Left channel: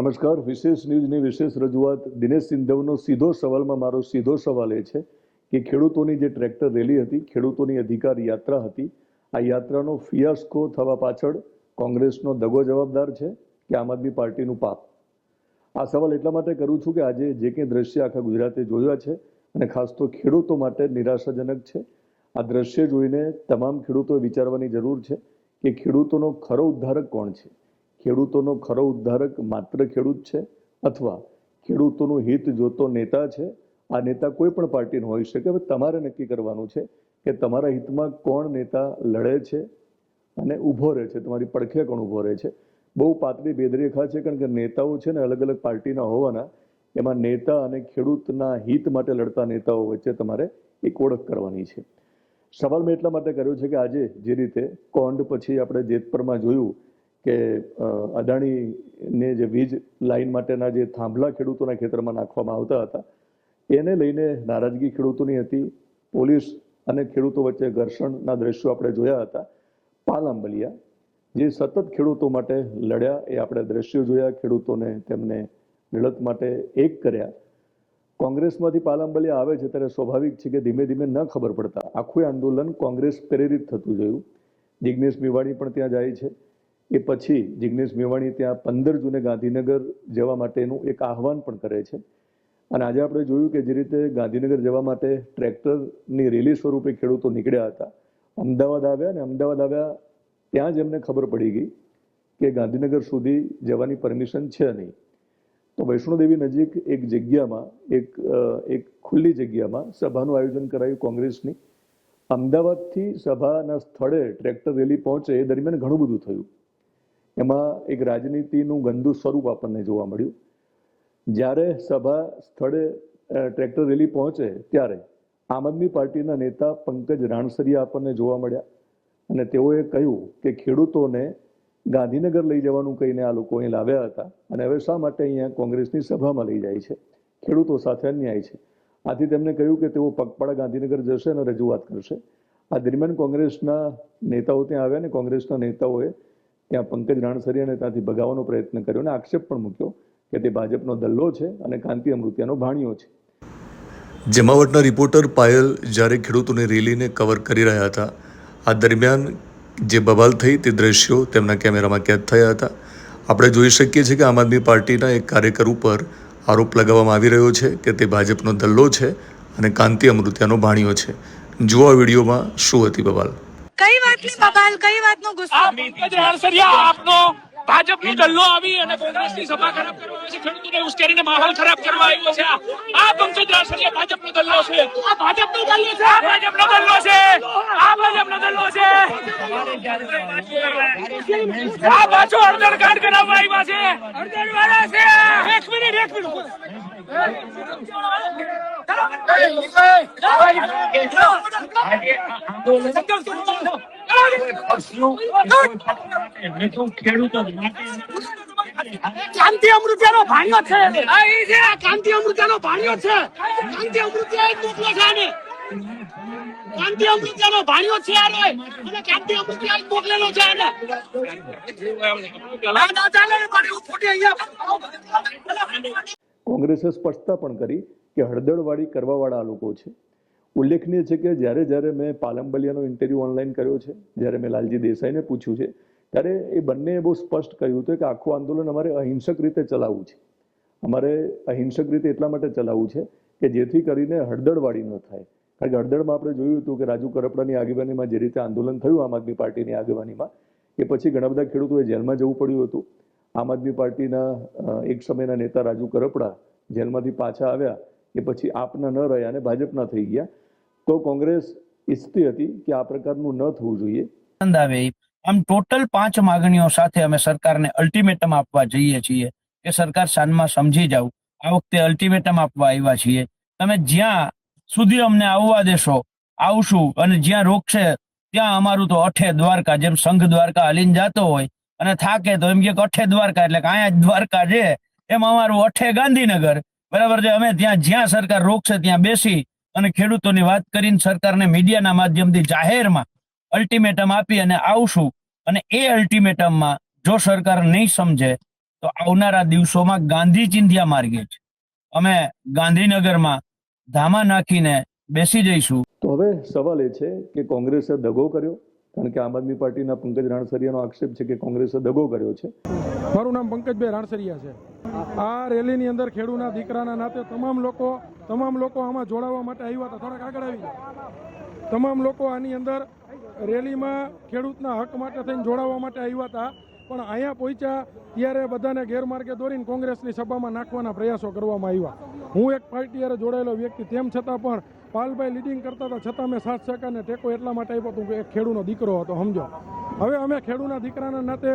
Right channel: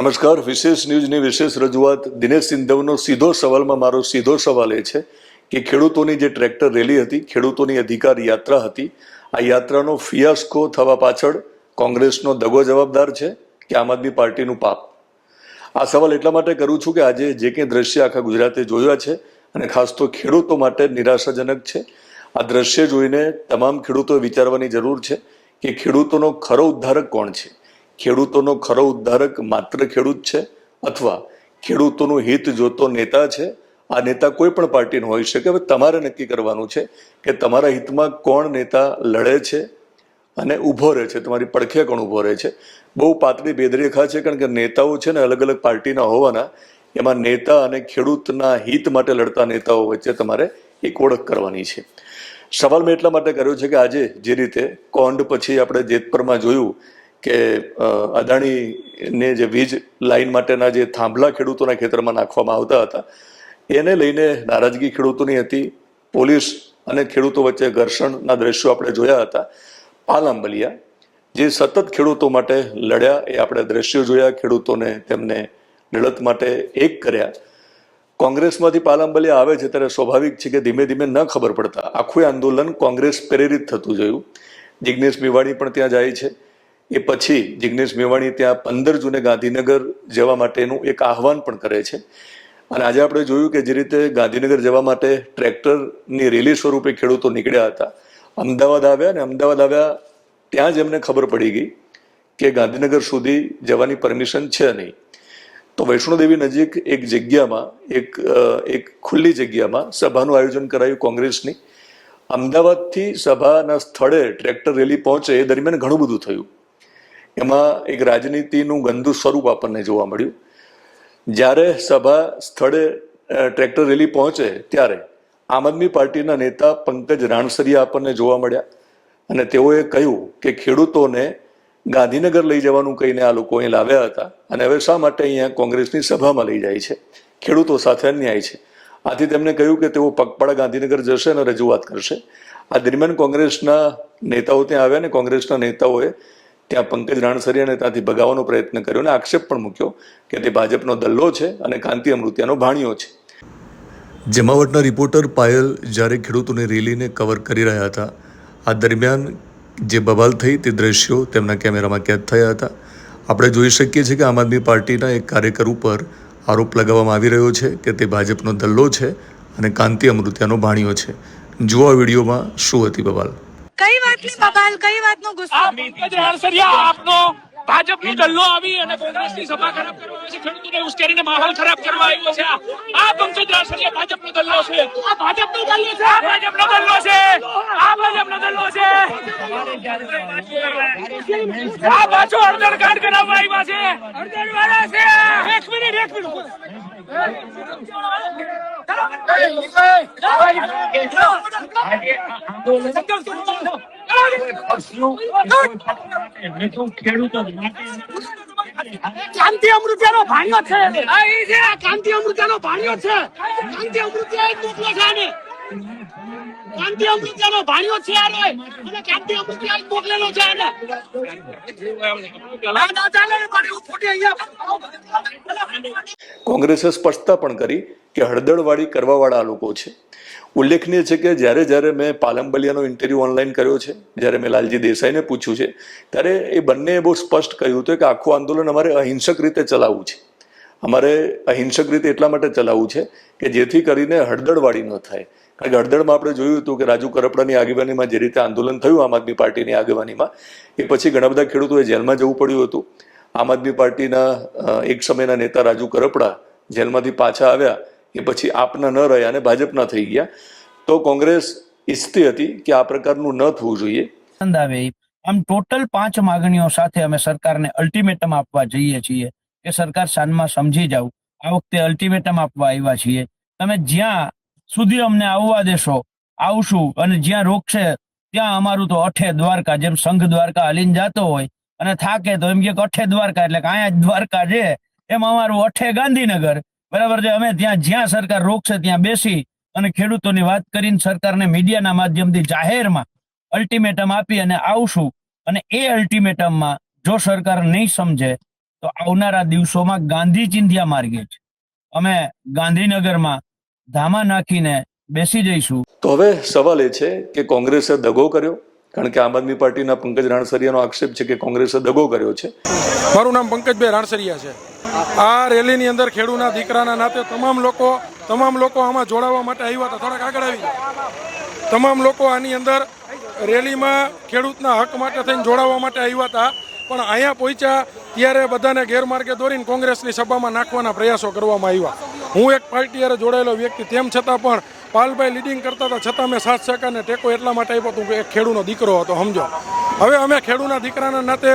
નમસ્કાર. વિશેષ ન્યૂઝની વિશેષ રજૂઆત. દિનેશ સિંધવનો સીધો સવાલમાં મારો સીધો સવાલ એ છે કે ખેડૂતોની જે ટ્રેક્ટર રેલી હતી, ખેડૂતોની અધિકાર યાત્રા હતી, આ યાત્રાનો ફિયાસ્કો થવા પાછળ કોંગ્રેસનો દગો જવાબદાર છે કે આમ આદમી પાર્ટીનું પાપ? આ સવાલ એટલા માટે કરું છું કે આજે જે કંઈ દ્રશ્ય આખા ગુજરાતે જોયા છે અને ખાસ તો ખેડૂતો માટે નિરાશાજનક છે. આ દ્રશ્ય જોઈને તમામ ખેડૂતોએ વિચારવાની જરૂર છે કે ખેડૂતોનો ખરો ઉદ્ધારક કોણ છે. ખેડૂતોનો ખરો ઉદ્ધારક માત્ર ખેડૂત છે અથવા ખેડૂતોનું હિત જોતો નેતા છે? આ નેતા કોઈ પણ પાર્ટીનો હોઈ શકે. હવે તમારે નક્કી કરવાનું છે કે તમારા હિતમાં કોણ નેતા લડે છે અને ઊભો રહે છે, તમારી પડખે કોણ ઊભો રહે છે. બહુ પાતળી ભેદરેખા છે, કારણ કે નેતાઓ છે ને અલગ અલગ પાર્ટીના હોવાના, એમાં નેતા અને ખેડૂતના હિત માટે લડતા નેતાઓ વચ્ચે તમારે એક ઓળખ કરવાની છે. સવાલ મેં એટલા માટે કર્યો છે કે આજે જે રીતે કોંડ પછી આપણે જેતપરમાં જોયું કે અદાણીને જે વીજ લાઇન માટેના જે થાંભલા ખેડૂતોના ખેતરમાં નાખવામાં આવતા હતા, એને લઈને નારાજગી ખેડૂતોની હતી. પોલીસ અને ખેડૂતો વચ્ચે ઘર્ષણના દ્રશ્યો આપણે જોયા હતા. પાલાંબલિયા જે સતત ખેડૂતો માટે લડ્યા, એ આપણે દ્રશ્યો જોયા. ખેડૂતોને તેમને લડત માટે એક કર્યા. કોંગ્રેસમાંથી પાલાંબલિયા આવે છે ત્યારે સ્વાભાવિક છે કે ધીમે ધીમે ન ખબર પડતા આખું આંદોલન કોંગ્રેસ પ્રેરિત થતું જોયું. જિગ્નેશ મેવાણી પણ ત્યાં જાય છે. એ પછી જિગ્નેશ મેવાણી ત્યાં 15 જૂને ગાંધીનગર જવા માટેનું એક આહવાન પણ કરે છે. અને આજે આપણે જોયું કે જે રીતે ગાંધીનગર જવા માટે ટ્રેક્ટરની રેલી સ્વરૂપે ખેડૂતો નીકળ્યા હતા, અમદાવાદ આવ્યા, અને અમદાવાદ આવ્યા ત્યાં જ એમને ખબર પડી ગઈ કે ગાંધીનગર સુધી જવાની પરમિશન છે નહીં. તો વૈષ્ણોદેવી નજીક એક જગ્યામાં, એક ખુલ્લી જગ્યામાં સભાનું આયોજન કરાયું કોંગ્રેસની. અમદાવાદથી સભાના સ્થળે ટ્રેક્ટર રેલી પહોંચે એ દરમિયાન ઘણું બધું થયું. એમાં એક રાજનીતિનું ગંદુ સ્વરૂપ આપણને જોવા મળ્યું. જ્યારે સભા સ્થળે ટ્રેક્ટર રેલી પહોંચે ત્યારે આમ આદમી પાર્ટીના નેતા પંકજ રાણસરિયા આપણને જોવા મળ્યા, અને તેઓએ કહ્યું કે ખેડૂતોને ગાંધીનગર લઈ જવાનું કહીને આ લોકો અહીં લાવ્યા હતા, અને હવે શા માટે અહીંયા કોંગ્રેસની સભામાં લઈ જાય છે? ખેડૂતો સાથે અન્યાય છે. આથી તેમણે કહ્યું કે તેઓ પગપાળા ગાંધીનગર જશે અને રજૂઆત કરશે. આ દરમિયાન કોંગ્રેસના નેતાઓ ત્યાં આવ્યા, અને કોંગ્રેસના નેતાઓએ ત્યાં પંકજ રાણસરિયાને ત્યાંથી ભગાવવાનો પ્રયત્ન કર્યો અને આક્ષેપ પણ મૂક્યો કે તે ભાજપનો દલ્લો છે અને કાંતિ અમૃતિયાનો ભાણિયો છે. જમાવટના રિપોર્ટર પાયલ જ્યારે ખેડૂતોની રેલીને કવર કરી રહ્યા હતા, આ દરમિયાન જે બવાલ થઈ તે દ્રશ્યો તેમના કેમેરામાં કેદ થયા હતા. આપણે જોઈ શકીએ છીએ કે આમ આદમી પાર્ટીના એક કાર્યકર ઉપર આરોપ લગાવવામાં આવી રહ્યો છે કે તે ભાજપનો દલ્લો છે અને કાંતિ અમૃતિયાનો ભાણિયો છે. જુઓ આ વિડીયોમાં શું હતી બવાલ. કઈ વાતની બબાલ, કઈ વાતનો ગુસ્સો? પંકજ રાણસરિયા આપનો ભાજપનો દલ્લો આવી અને કોંગ્રેસની સભા ખરાબ કરવા આવ્યો છે, ખેડૂતોને ઉશ્કેરીને માહોલ ખરાબ કરવા આવ્યો છે. આ પંકજ રાણસરિયા ભાજપનો દલ્લો છે. આ ભાજપનો દલ્લો છે. આ ભાજપનો દલ્લો છે. આ ભાજપનો દલ્લો છે. આ પાછો અડધર કાંડ કરાવવા આવ્યા છે. અડધર વાળા છે. એક મિનિટ કાંતિ અમૃતિયાનો ભાણિયો છે. કાંતિ અમૃતિયાનો ભાણિયો છે. કાંતિ અમૃતિયા મોકલો છે આને. કાંતિ અમૃતિયાનો ભાણિયો છે આને, અને કાંતિ અમૃતિયા મોકલેલો છે આને. કોંગ્રેસે સ્પષ્ટતા પણ કરી કે હળદળવાળી કરવાવાળા લોકો છે. ઉલ્લેખનીય છે કે જ્યારે મેં પાલંબલિયાનો ઇન્ટરવ્યૂ ઓનલાઈન કર્યો છે, જ્યારે મેં લાલજી દેસાઈને પૂછ્યું છે, ત્યારે એ બંનેએ બહુ સ્પષ્ટ કહ્યું હતું કે આખું આંદોલન અમારે અહિંસક રીતે ચલાવવું છે. અમારે અહિંસક રીતે એટલા માટે ચલાવવું છે કે જેથી કરીને હળદળવાળી ન થાય. કારણ કે હળદળમાં આપણે જોયું હતું કે રાજુ કરપડાની આગેવાનીમાં જે રીતે આંદોલન થયું આમ આદમી પાર્ટીની આગેવાનીમાં, એ પછી ઘણા બધા ખેડૂતોએ જેલમાં જવું પડ્યું હતું. આમ આદમી પાર્ટીના એક સમયના નેતા રાજુ કરપડા જેલમાંથી પાછા આવ્યા, એ પછી આપના ન રહ્યા અને ભાજપના થઈ ગયા. તો કોંગ્રેસ ઈચ્છતી હતી કે આ પ્રકારનું ન થવું જોઈએ. આમ ટોટલ 5 માંગણીઓ સાથે અમે સરકારને અલ્ટિમેટમ આપવા જઈએ છીએ કે સરકાર સાનમાં સમજી જાવ. આ વખતે અલ્ટિમેટમ આપવા આવ્યા છીએ. તમે જ્યાં સુધી અમને આવવા દેશો આવશું, અને જ્યાં રોકશે ત્યાં અમારું તો અઠે દ્વારકા. જેમ સંઘ દ્વારકા હલીને જતો હોય અને થાકે તો એમ કે અઠે દ્વારકા, એટલે અહીંયા જ દ્વારકા છે, એમ અમારું અઠે ગાંધીનગર. બરાબર છે. અમે ત્યાં જ્યાં સરકાર રોકશે ત્યાં બેસી અને ખેડૂતોની વાત કરીને સરકારને મીડિયાના માધ્યમથી જાહેરમાં અલ્ટિમેટમ આપી અને આવશું. અને એ અલ્ટિમેટમમાં જો સરકાર નહીં સમજે તો આવનારા દિવસોમાં ગાંધી ચિંધ્યા માર્ગે જ અમે ગાંધીનગરમાં ધામા નાખીને બેસી જઈશું. તો હવે સવાલ એ છે કે કોંગ્રેસે દગો કર્યો, કારણ કે આમ આદમી પાર્ટીના પંકજ રાણસરિયાનો આક્ષેપ છે કે કોંગ્રેસે દગો કર્યો છે. મારું નામ પંકજભાઈ રાણસરિયા છે. આ રેલીની અંદર ખેડૂના દીકરાના નાતે તમામ લોકો આમાં જોડાવા માટે આવ્યા હતા. થોડાક આગળ આવી જાય. તમામ લોકો આની અંદર રેલીમાં ખેડૂતના હક માટે થઈને જોડાવા માટે આવ્યા હતા, પણ અહીંયા પહોંચ્યા ત્યારે બધાને ગેરમાર્ગે દોરીને કોંગ્રેસની સભામાં નાખવાના પ્રયાસો કરવામાં આવ્યા. હું એક પાર્ટી હારે જોડાયેલો વ્યક્તિ તેમ છતાં પણ પાલભાઈ લીડિંગ કરતા હતા છતાં મેં સાથ સહકારને ટેકો એટલા માટે આપ્યો હતો કે એક ખેડૂનો દીકરો હતો. સમજો, હવે અમે ખેડૂના દીકરાના નાતે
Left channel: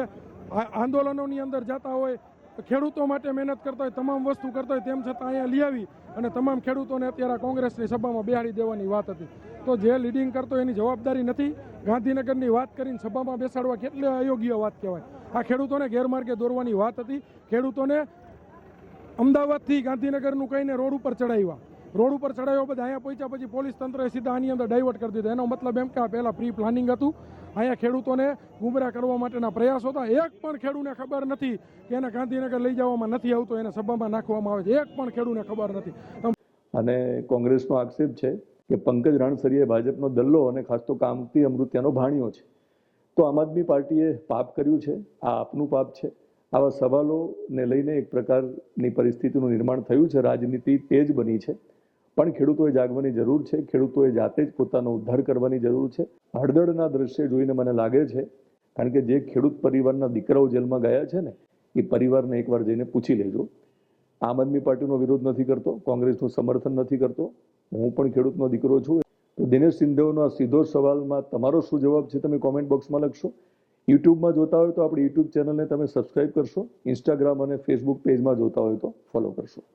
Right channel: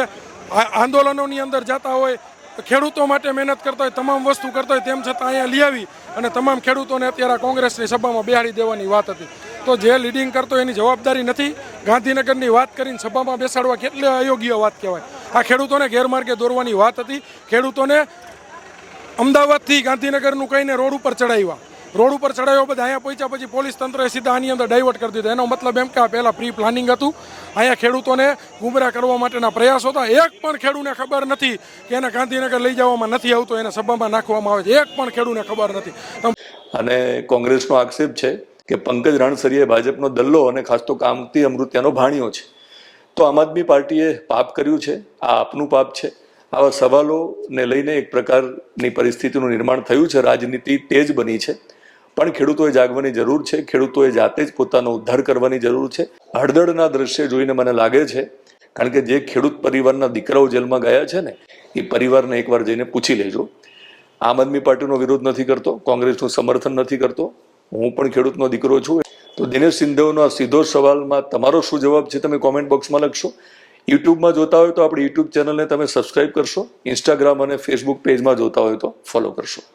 આંદોલનોની અંદર જતા હોય, ખેડૂતો માટે મહેનત કરતા હોય, તમામ વસ્તુ કરતા હોય, તેમ છતાં અહીંયા લઈ આવી અને તમામ ખેડૂતોને અત્યારે કોંગ્રેસની સભામાં બેહાડી દેવાની વાત હતી. તો જે લીડિંગ કરતો એની જવાબદારી નથી. ગાંધીનગરની વાત કરીને સભામાં બેસાડવા કેટલી અયોગ્ય વાત કહેવાય. આ ખેડૂતોને ગેરમાર્ગે દોરવાની વાત હતી. ખેડૂતોને અમદાવાદથી ગાંધીનગરનું કહીને રોડ ઉપર ચડાવ્યા. રોડ ઉપર ચડાવ્યા બધા અહીંયા પહોંચ્યા પછી પોલીસ તંત્રએ સીધા આની અંદર ડાયવર્ટ કરી દીધો. એનો મતલબ એમ કે આ પહેલાં પ્રી પ્લાનિંગ હતું. અહીંયા ખેડૂતોને ગુમરાહ કરવા માટેના પ્રયાસો હતા. એક પણ ખેડૂતને ખબર નથી કે એને ગાંધીનગર લઈ જવામાં નથી આવતો, એને સભામાં નાખવામાં આવે છે. એક પણ ખેડૂતને ખબર નથી. અને કોંગ્રેસનો આક્ષેપ છે કે પંકજ રાણસરિયા ભાજપનો દલ્લો અને ખાસ તો કામતી અમૃત્યાનો ભાણિયો છે. તો આમ આદમી પાર્ટીએ પાપ કર્યું છે, આ આપનું પાપ છે. આવા સવાલોને લઈને એક પ્રકારની પરિસ્થિતિનું નિર્માણ થયું છે. રાજનીતિ તેજ બની છે, પણ ખેડૂતોએ જાગવાની જરૂર છે. ખેડૂતોએ જાતે જ પોતાનો ઉદ્ધાર કરવાની જરૂર છે. હળદળના દ્રશ્ય જોઈને મને લાગે છે, કારણ કે જે ખેડૂત પરિવારના દીકરાઓ જેલમાં ગયા છે ને, એ પરિવારને એકવાર જઈને પૂછી લેજો. આમ આદમી પાર્ટીનો વિરોધ નથી કરતો, કોંગ્રેસનું સમર્થન નથી કરતો. હું પણ ખેડૂતનો દીકરો છું. તો દિનેશ સિંધવનો આ સીધો સવાલમાં તમારો શું જવાબ છે તમે કોમેન્ટ બોક્સમાં લખશો. યુટ્યુબમાં જોતા હોય તો આપણી યુટ્યુબ ચેનલને તમે સબસ્ક્રાઇબ કરશો. ઇન્સ્ટાગ્રામ અને ફેસબુક પેજમાં જોતા હોય તો ફોલો કરશો.